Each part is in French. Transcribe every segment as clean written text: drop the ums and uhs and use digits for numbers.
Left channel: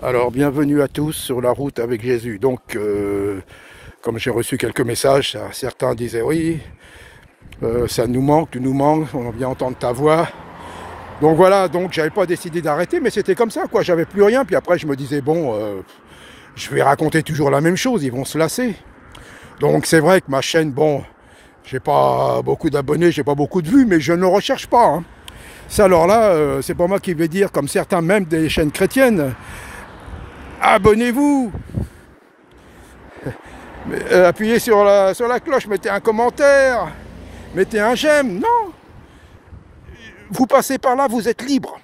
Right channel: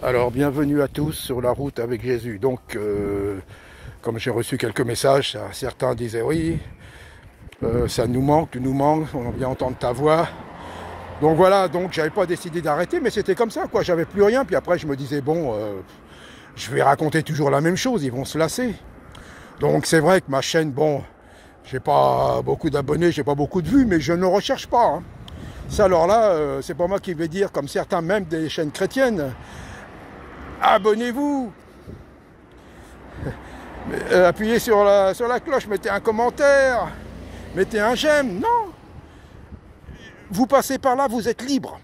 Alors, bienvenue à tous sur la route avec Jésus. Donc, comme j'ai reçu quelques messages, certains disaient oui, ça nous manque, tu nous manques, on vient entendre ta voix. Donc voilà, donc j'avais pas décidé d'arrêter, mais c'était comme ça, quoi. J'avais plus rien, puis après je me disais bon, je vais raconter toujours la même chose, ils vont se lasser. Donc c'est vrai que ma chaîne, bon, j'ai pas beaucoup d'abonnés, j'ai pas beaucoup de vues, mais je ne recherche pas. Hein. Ça alors là, c'est pas moi qui vais dire, comme certains même des chaînes chrétiennes. Abonnez-vous, appuyez sur la cloche, mettez un commentaire, mettez un j'aime. Non, vous passez par là, vous êtes libre.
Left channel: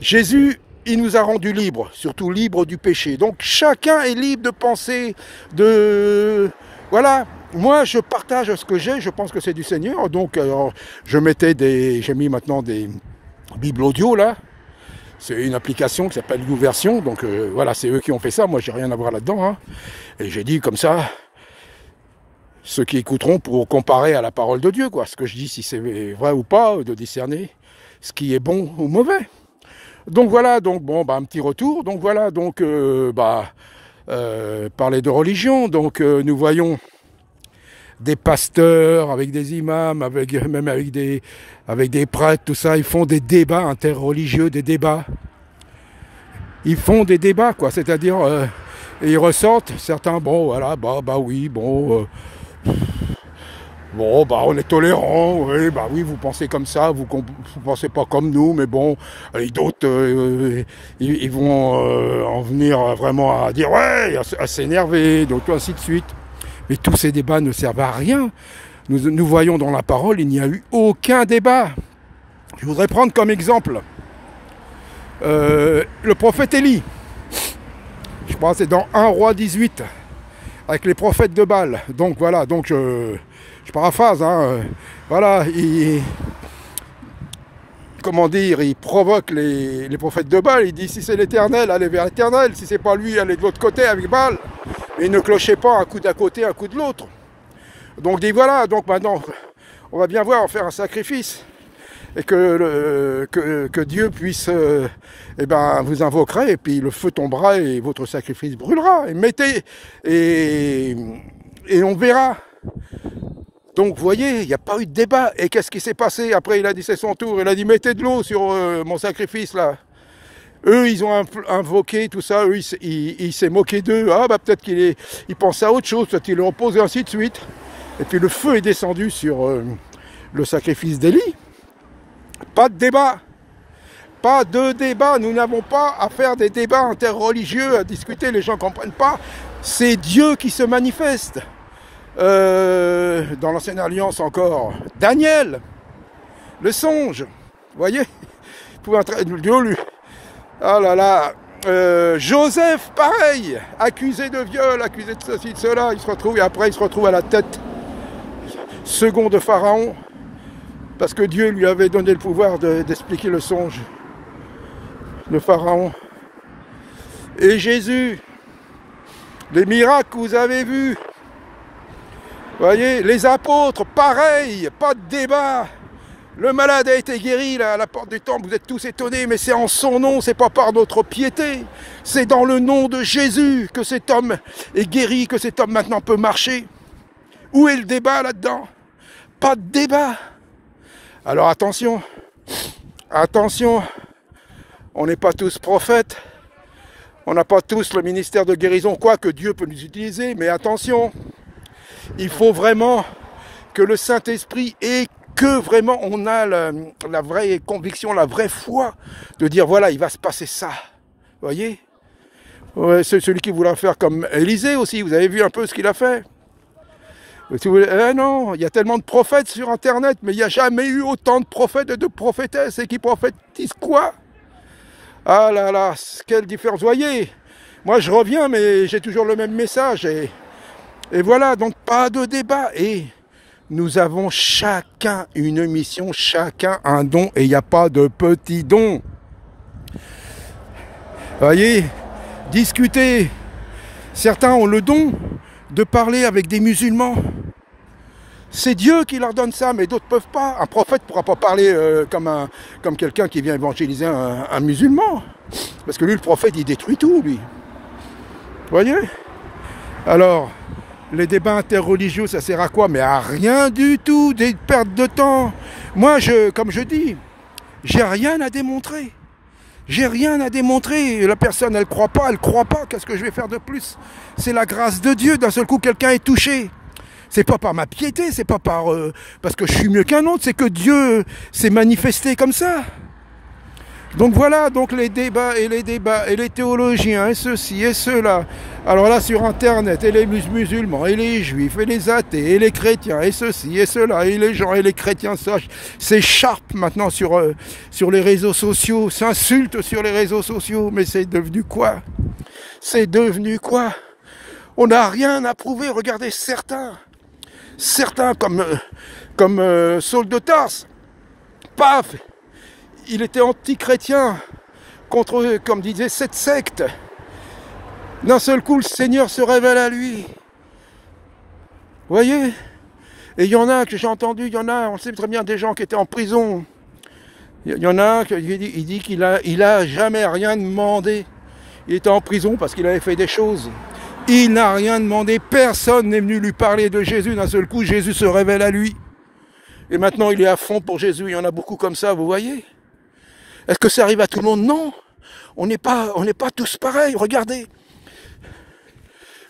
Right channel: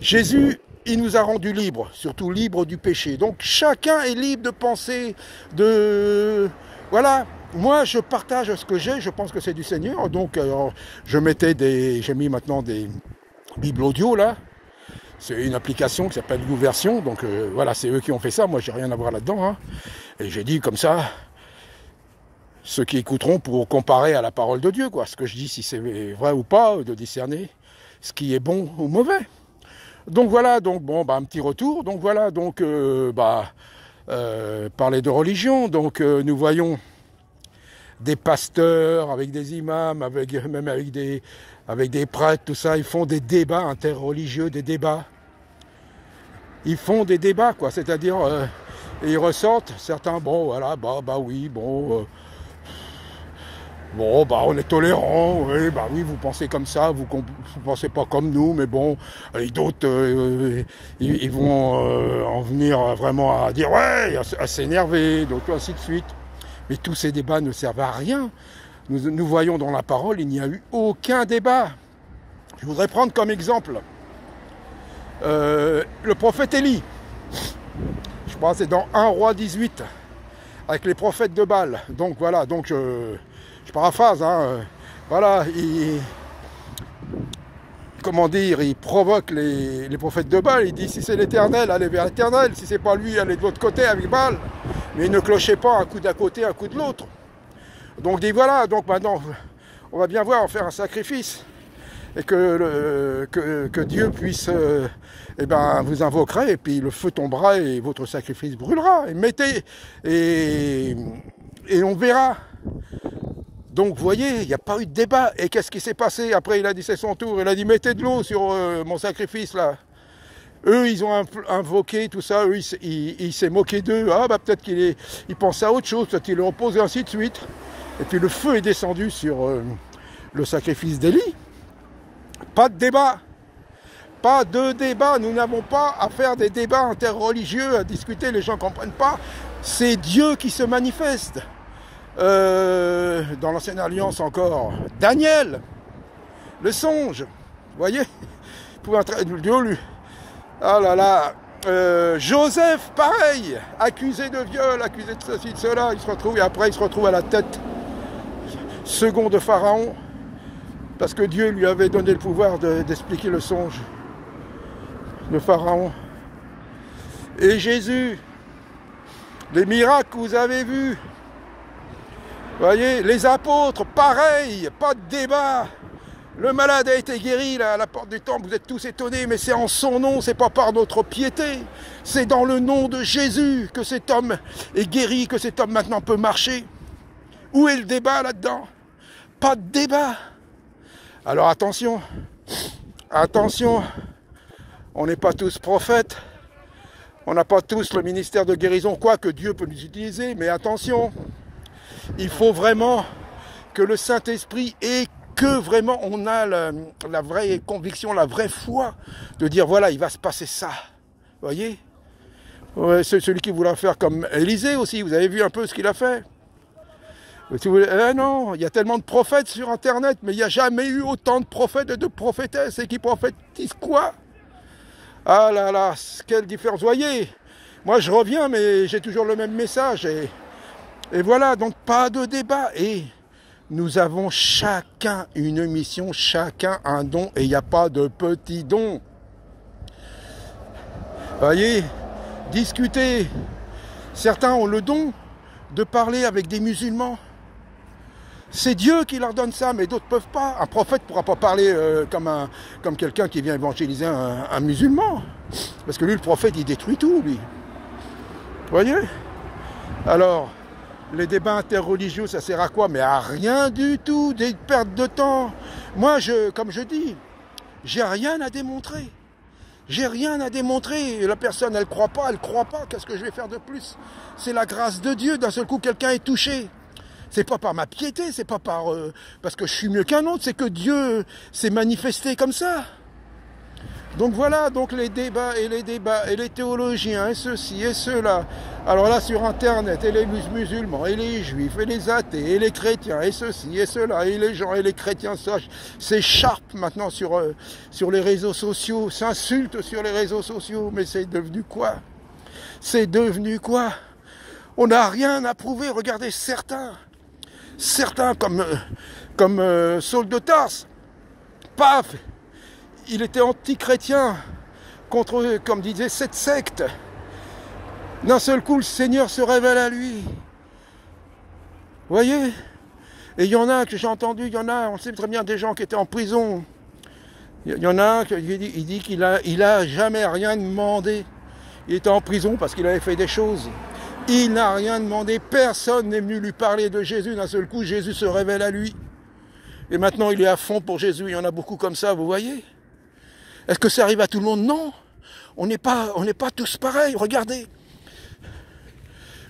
Jésus, il nous a rendus libres, surtout libres du péché. Donc chacun est libre de penser, de... Voilà, moi je partage ce que j'ai, je pense que c'est du Seigneur. Donc j'ai mis maintenant des Bibles audio là. C'est une application qui s'appelle YouVersion, donc voilà, c'est eux qui ont fait ça, moi j'ai rien à voir là-dedans. Hein. Et j'ai dit comme ça, ceux qui écouteront pour comparer à la parole de Dieu, quoi, ce que je dis, si c'est vrai ou pas, de discerner ce qui est bon ou mauvais. Donc voilà, donc bon, bah, un petit retour, donc voilà, donc parler de religion, donc nous voyons des pasteurs, avec des imams, même avec des prêtres, tout ça, ils font des débats interreligieux, des débats. Ils font des débats, quoi, c'est-à-dire, ils ressortent, certains, bon, voilà, oui, bon, on est tolérants, oui, oui, vous pensez comme ça, vous pensez pas comme nous, mais bon, et d'autres, ils vont en venir vraiment à dire, ouais, à s'énerver, donc ainsi de suite. Mais tous ces débats ne servent à rien. Nous voyons dans la parole, il n'y a eu aucun débat. Je voudrais prendre comme exemple le prophète Élie. Je crois que c'est dans 1 Roi 18, avec les prophètes de Baal. Donc voilà, donc je paraphrase, hein, voilà, comment dire, il provoque les prophètes de Baal, il dit si c'est l'Éternel, allez vers l'Éternel, si c'est pas lui, allez de l'autre côté avec Baal. Mais ne clochez pas un coup d'un côté, un coup de l'autre. Donc dit voilà, donc maintenant, on va bien voir, on va faire un sacrifice. Et que Dieu puisse, vous invoquerez, et puis le feu tombera, et votre sacrifice brûlera. Et on verra. Donc vous voyez, il n'y a pas eu de débat. Et qu'est-ce qui s'est passé? Après, il a dit c'est son tour, il a dit mettez de l'eau sur mon sacrifice là. Eux, ils ont invoqué tout ça, eux, il s'est moqué d'eux. Ah, peut-être qu'il pense à autre chose, peut-être qu'il le repose, et ainsi de suite. Et puis le feu est descendu sur le sacrifice d'Élie. Pas de débat. Pas de débat. Nous n'avons pas à faire des débats interreligieux, à discuter, les gens ne comprennent pas. C'est Dieu qui se manifeste. Dans l'ancienne alliance encore, Daniel, le songe, vous voyez, Dieu lui. Ah là là, Joseph, pareil, accusé de viol, accusé de ceci, de cela, il se retrouve, et après il se retrouve à la tête second de Pharaon, parce que Dieu lui avait donné le pouvoir d'expliquer le songe de Pharaon. Et Jésus, les miracles que vous avez vus, vous voyez, les apôtres, pareil, pas de débat. Le malade a été guéri là, à la porte du temple, vous êtes tous étonnés, mais c'est en son nom, c'est pas par notre piété. C'est dans le nom de Jésus que cet homme est guéri, que cet homme maintenant peut marcher. Où est le débat là-dedans? Pas de débat. Alors attention, attention, on n'est pas tous prophètes, on n'a pas tous le ministère de guérison, quoi que Dieu peut nous utiliser, mais attention, il faut vraiment que le Saint-Esprit ait que vraiment on a la vraie conviction, la vraie foi de dire voilà, il va se passer ça. Vous voyez, ouais, c'est celui qui voulait faire comme Élisée aussi, vous avez vu un peu ce qu'il a fait. Si vous voulez, non, il y a tellement de prophètes sur Internet, mais il n'y a jamais eu autant de prophètes et de prophétesses. Et qui prophétisent quoi? Ah là là, quelle différence. Vous voyez, moi je reviens, mais j'ai toujours le même message. Et voilà, donc pas de débat. Et nous avons chacun une mission, chacun un don, et il n'y a pas de petits dons. Vous voyez, discuter. Certains ont le don de parler avec des musulmans. C'est Dieu qui leur donne ça, mais d'autres peuvent pas. Un prophète ne pourra pas parler comme quelqu'un qui vient évangéliser un musulman. Parce que lui, le prophète, il détruit tout, lui. Vous voyez? Alors, les débats interreligieux, ça sert à quoi? Mais à rien du tout, des pertes de temps. Moi, comme je dis, j'ai rien à démontrer. J'ai rien à démontrer. La personne, elle croit pas. Qu'est-ce que je vais faire de plus? C'est la grâce de Dieu. D'un seul coup, quelqu'un est touché. C'est pas par ma piété, c'est pas parce que je suis mieux qu'un autre, c'est que Dieu s'est manifesté comme ça. Donc voilà, donc les débats, et les théologiens, et ceci, et cela. Alors là, sur Internet, et les musulmans, et les juifs, et les athées, et les chrétiens, et ceci, et cela, et les gens, et les chrétiens s'écharpent maintenant sur les réseaux sociaux, s'insultent sur les réseaux sociaux, mais c'est devenu quoi? C'est devenu quoi? On n'a rien à prouver, regardez certains comme Saul de Tarse, paf, il était anti-chrétien contre, comme disait, cette secte. D'un seul coup, le Seigneur se révèle à lui. Vous voyez? Et il y en a que j'ai entendu, on sait très bien des gens qui étaient en prison. Il y en a un qui dit qu'il a jamais rien demandé. Il était en prison parce qu'il avait fait des choses. Il n'a rien demandé, personne n'est venu lui parler de Jésus. D'un seul coup, Jésus se révèle à lui. Et maintenant, il est à fond pour Jésus. Il y en a beaucoup comme ça, vous voyez? Est-ce que ça arrive à tout le monde? Non. On n'est pas tous pareils. Regardez.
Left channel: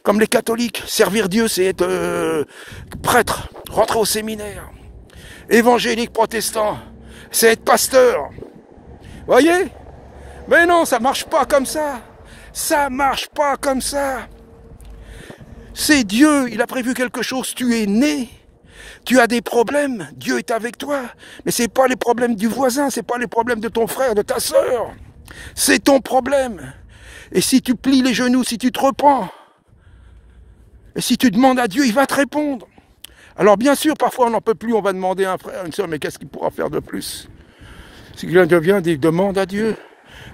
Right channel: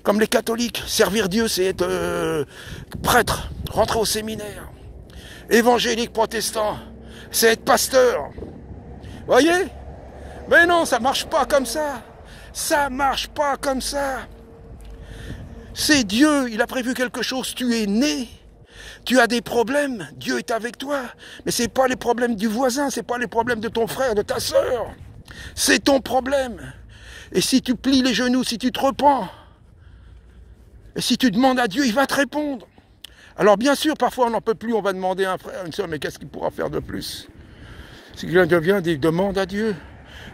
Comme les catholiques, servir Dieu, c'est être prêtre, rentrer au séminaire. Évangélique protestant, c'est être pasteur. Vous voyez? Mais non, ça marche pas comme ça. Ça marche pas comme ça. C'est Dieu, il a prévu quelque chose, tu es né, tu as des problèmes, Dieu est avec toi, mais c'est pas les problèmes du voisin, c'est pas les problèmes de ton frère, de ta sœur, c'est ton problème. Et si tu plies les genoux, si tu te repens, et si tu demandes à Dieu, il va te répondre. Alors bien sûr, parfois on n'en peut plus, on va demander à un frère, à une sœur, mais qu'est-ce qu'il pourra faire de plus? Si quelqu'un vient, il demande à Dieu.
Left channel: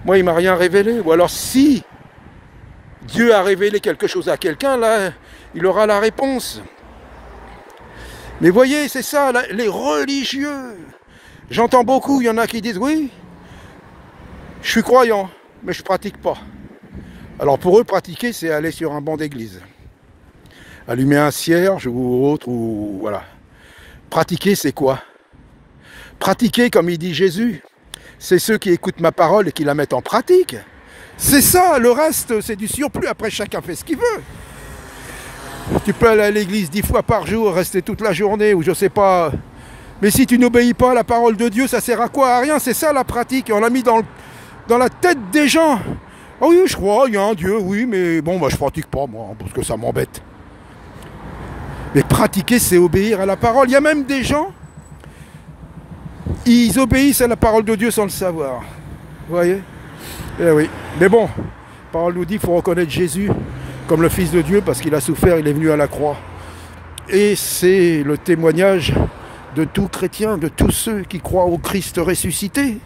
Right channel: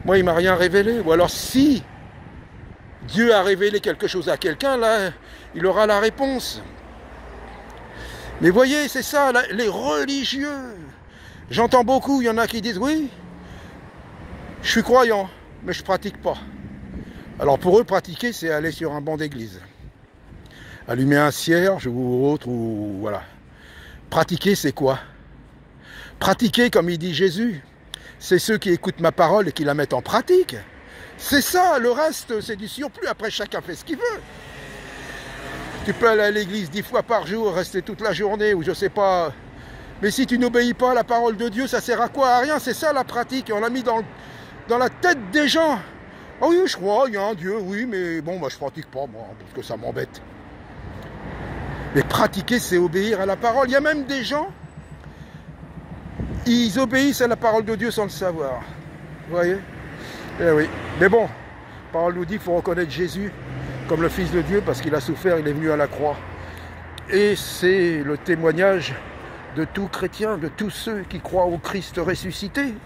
Moi, il m'a rien révélé, ou alors si Dieu a révélé quelque chose à quelqu'un, là, il aura la réponse. Mais voyez, c'est ça, là, les religieux. J'entends beaucoup, il y en a qui disent, oui, je suis croyant, mais je pratique pas. Alors pour eux, pratiquer, c'est aller sur un banc d'église. Allumer un cierge ou autre, ou voilà. Pratiquer, c'est quoi? Pratiquer, comme il dit Jésus, c'est ceux qui écoutent ma parole et qui la mettent en pratique. C'est ça, le reste, c'est du surplus. Après, chacun fait ce qu'il veut. Tu peux aller à l'église 10 fois par jour, rester toute la journée, ou je sais pas. Mais si tu n'obéis pas à la parole de Dieu, ça sert à quoi? À rien, c'est ça la pratique. On l'a mis dans la tête des gens. Oh oui, je crois, il y a un Dieu, oui, mais bon, bah, je pratique pas, moi, parce que ça m'embête. Mais pratiquer, c'est obéir à la parole. Il y a même des gens, ils obéissent à la parole de Dieu sans le savoir. Vous voyez? Eh oui. Mais bon, la parole nous dit qu'il faut reconnaître Jésus comme le Fils de Dieu parce qu'il a souffert, il est venu à la croix. Et c'est le témoignage de tout chrétien, de tous ceux qui croient au Christ ressuscité.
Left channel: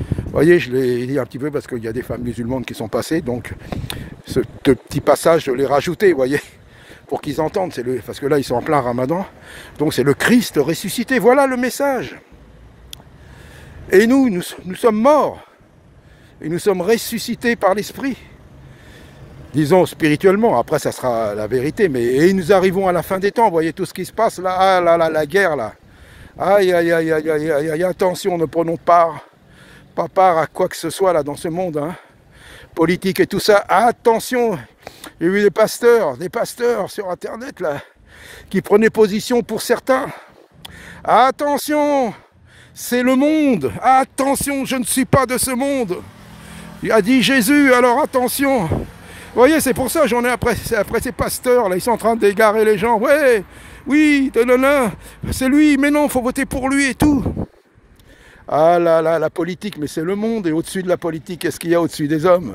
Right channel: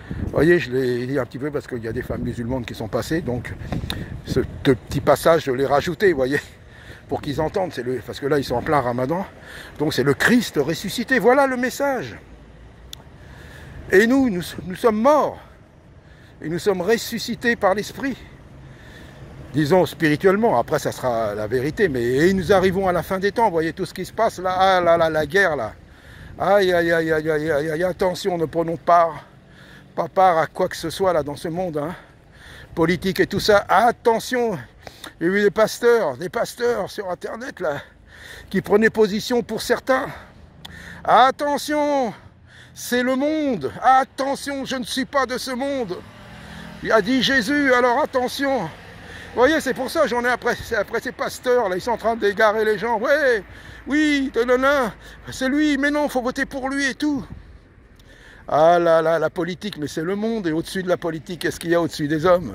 Vous voyez, je l'ai dit un petit peu parce qu'il y a des femmes musulmanes qui sont passées, donc ce petit passage, je l'ai rajouté, vous voyez, pour qu'ils entendent, parce que là, ils sont en plein ramadan, donc c'est le Christ ressuscité, voilà le message. Et nous sommes morts, et nous sommes ressuscités par l'Esprit. Disons spirituellement, après ça sera la vérité, mais nous arrivons à la fin des temps, vous voyez tout ce qui se passe là, ah là là, la guerre là, aïe aïe aïe aïe aïe aïe aïe, attention, ne prenons pas part à quoi que ce soit là dans ce monde, hein, politique et tout ça, attention, il y a eu des pasteurs sur internet là, qui prenaient position pour certains, attention, c'est le monde, attention, je ne suis pas de ce monde, il a dit Jésus, alors attention. Vous voyez, c'est pour ça j'en ai après ces pasteurs, là, ils sont en train d'égarer les gens. Ouais, oui, c'est lui, mais non, il faut voter pour lui et tout. Ah là là, la politique, mais c'est le monde, et au-dessus de la politique, qu'est-ce qu'il y a au-dessus des hommes?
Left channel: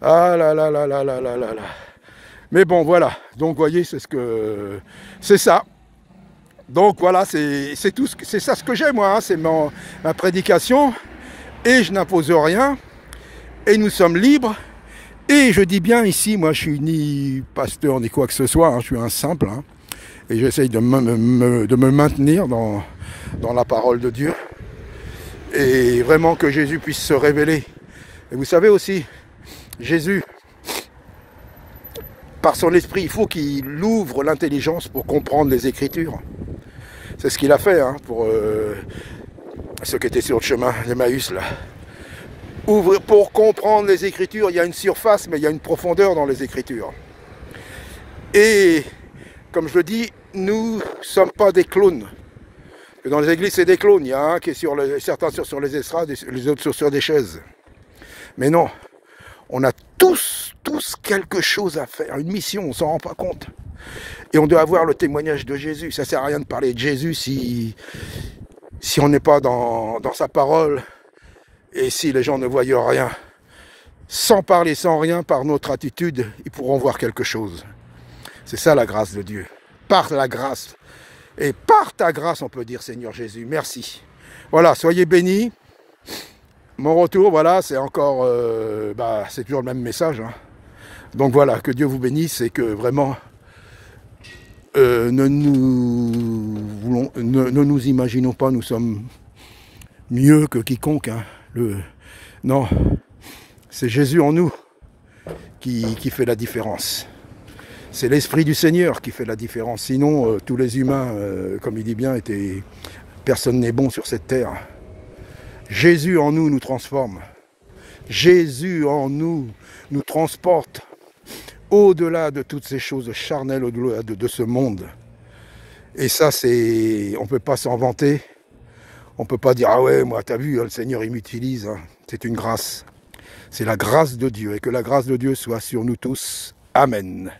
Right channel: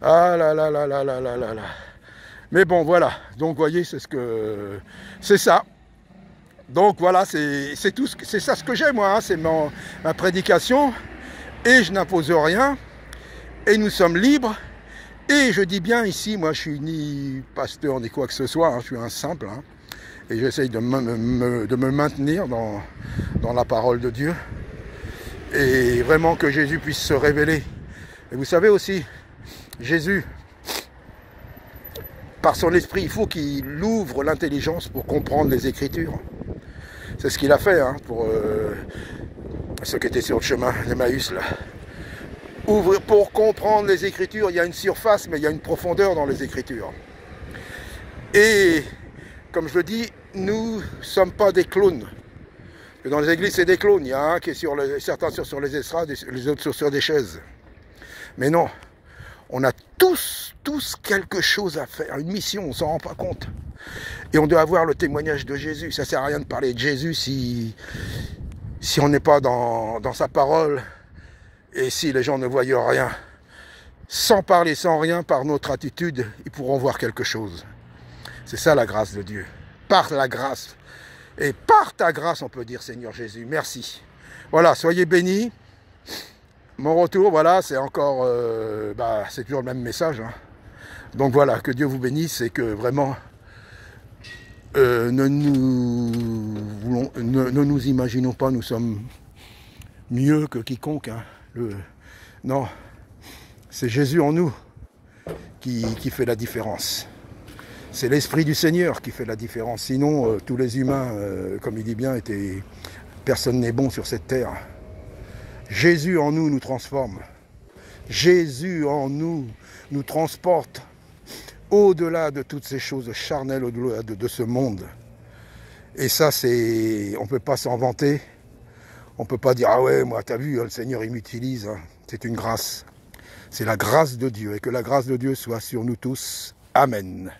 Ah là là là là là là là là. Mais bon, voilà, donc vous voyez, c'est ça. Donc voilà, c'est tout, c'est ça ce que j'ai moi, hein, c'est ma prédication, et je n'impose rien, et nous sommes libres. Et je dis bien ici, moi je suis ni pasteur ni quoi que ce soit, hein, je suis un simple. Hein. Et j'essaye de me maintenir dans la parole de Dieu. Et vraiment que Jésus puisse se révéler. Et vous savez aussi, Jésus, par son esprit, il faut qu'il ouvre l'intelligence pour comprendre les Écritures. C'est ce qu'il a fait pour ceux qui étaient sur le chemin d'Emmaüs là. Ouvre pour comprendre les Écritures. Il y a une surface, mais il y a une profondeur dans les Écritures. Et comme je le dis, nous ne sommes pas des clowns. Dans les églises, c'est des clowns. Il y a un qui est certains sur les estrades, les autres sur des chaises. Mais non, on a tous quelque chose à faire, une mission, on ne s'en rend pas compte. Et on doit avoir le témoignage de Jésus. Ça ne sert à rien de parler de Jésus si on n'est pas dans sa parole et si les gens ne voient rien. Sans parler, sans rien, par notre attitude, ils pourront voir quelque chose. C'est ça la grâce de Dieu. Par la grâce. Et par ta grâce, on peut dire, Seigneur Jésus, merci. Voilà, soyez bénis. Mon retour, voilà, c'est encore, c'est toujours le même message. Donc voilà, que Dieu vous bénisse et que vraiment, ne nous imaginons pas, nous sommes mieux que quiconque. Non, c'est Jésus en nous qui fait la différence. C'est l'Esprit du Seigneur qui fait la différence. Sinon, tous les humains, comme il dit bien, personne n'est bon sur cette terre. Jésus en nous nous transforme. Jésus en nous nous transporte au-delà de toutes ces choses charnelles, au-delà de ce monde. Et ça, on ne peut pas s'en vanter. On ne peut pas dire, ah ouais, moi, t'as vu, le Seigneur, il m'utilise. C'est une grâce. C'est la grâce de Dieu. Et que la grâce de Dieu soit sur nous tous. Amen.